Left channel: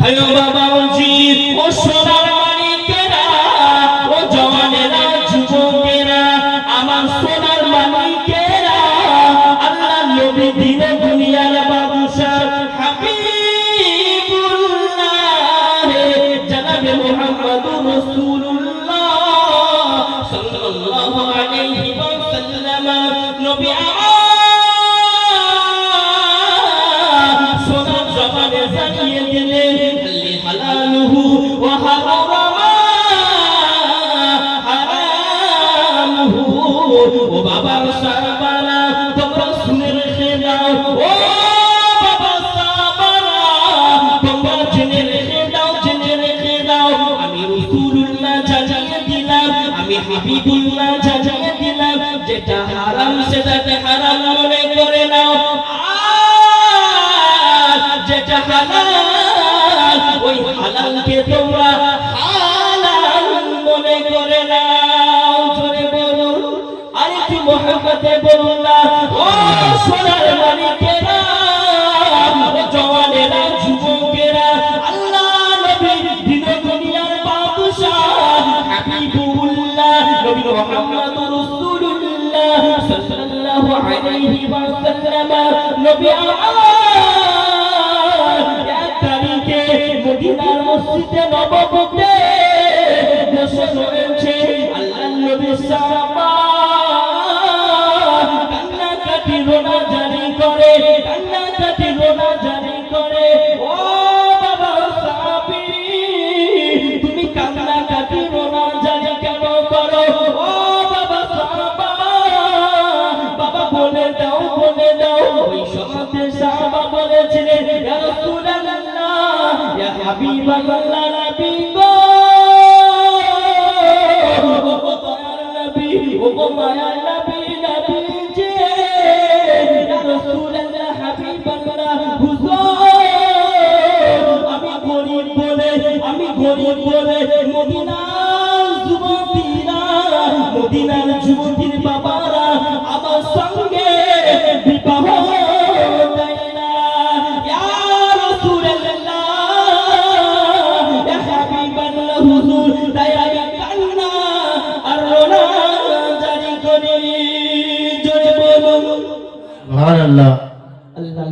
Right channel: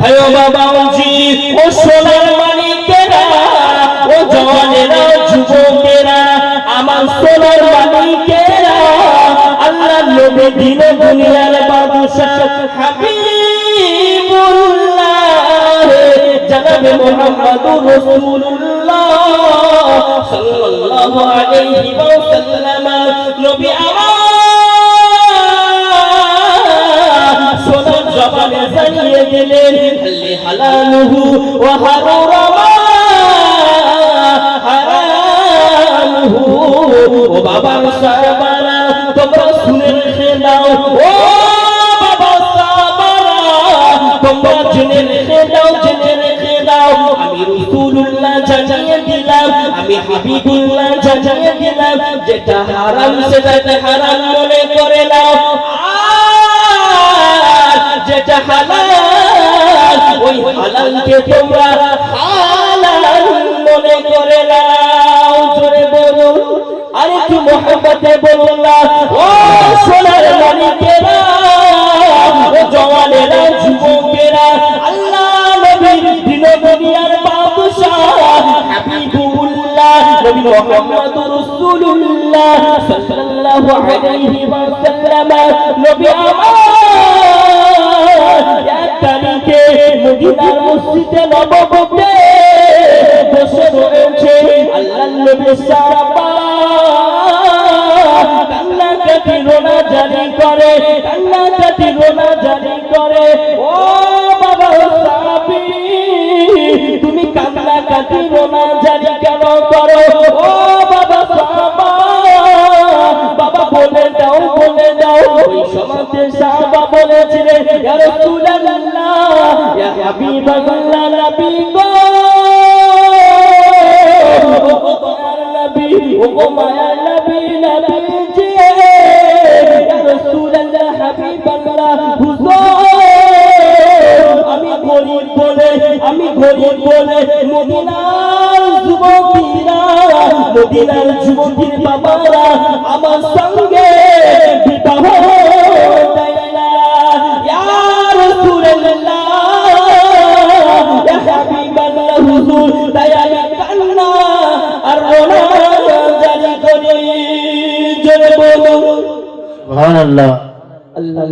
ভাইও বাবা জি ও সোনার মানিকেরা ও জওয়ানেরা যুবকেরা আমার সোনার মানিকেরা আল্লাহর নবী দিন দুনিয়ার বাদশা হাবিবুল্লাহ জনাবে মুহাম্মদুর রাসূলুল্লাহ সাল্লাল্লাহু আলাইহি ওয়াসাল্লাম নবী আমার সোনার জবানে জানিয়ে দিলেন হালালুহু ওয়া হারামুহু ও বাবা সাহাবারা তোমরা শুনে রেখে দাও ও বাবা সাহাবারা তোমরা জেনে রেখে দাও আমি রাসূলুল্লাহ জানিয়ে দিলাম আমি হাবিবুল্লাহ জানিয়ে দিলাম যেটা হারাম সেটাকে হারাম মনে করে নাও যেটা হালাল ওই হালালকে তোমরা হালাল মনে করে নাও জোরে বলো আর একটু মহব্বতে বলুন না ও সোনার মানিকেরা ও জওয়ানেরা যুবকেরা আল্লাহ নবী দিন দুনিয়ার বাদশা হাবিবুল্লাহ নবী মুহাম্মদুর রাসূলুল্লাহ সাল্লাল্লাহু আলাইহি ওয়াসাল্লাম নবী মদিনার মসজিদে নববীতে বসে রয়েছে আল্লাহর নবী সাহাবা কান্নাকাটি রোনা জারি করে ও বাবা সাহাবী তুমি কান্নাকাটি রোনা জারি কেন করো ও বাবা সাহাবা বাবা বলে দাও ওই সমাজে সাহাবা বলেছিলেন ইয়া রাসূলুল্লাহ ইয়া হাবিবাল্লাহ নবী গো ও মায়ার নবী জি ইয়া রাসূলুল্লাহ হাবিবাল্লাহ হুজুর আমি গরীব বলে মদিনার যুবতীর বাবারা আমার সঙ্গে বিবাহ দেয় না ইয়া রাসূলুল্লাহ ইয়া হাবিবাল্লাহ হুজুর তাই আমি কান্না আর রোনা জারি করি জোরে বলুন সুবহানাল্লাহ। আল্লাহ